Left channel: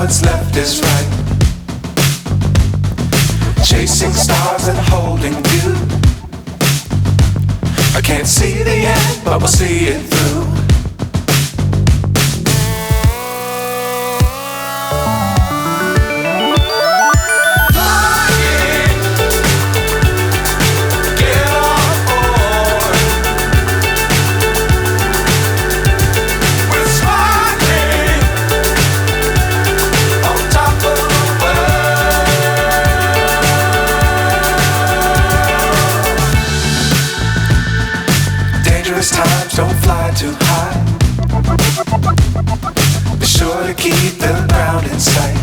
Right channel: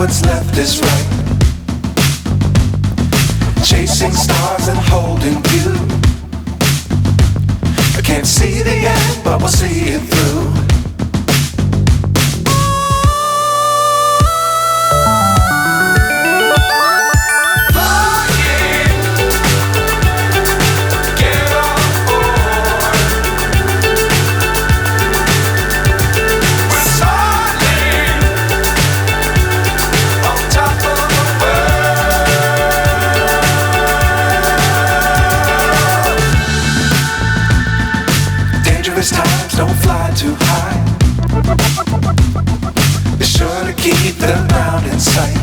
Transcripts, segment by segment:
what's left is right. Chasing stars and holding you. I can't see the end, but we'll see it through. Times don't fly too high. Be sure to keep the ground in sight.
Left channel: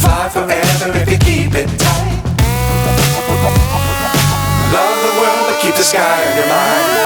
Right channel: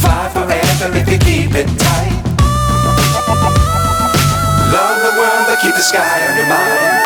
Fly forever if you keep it tight. Love the world but keep the sky on your mind.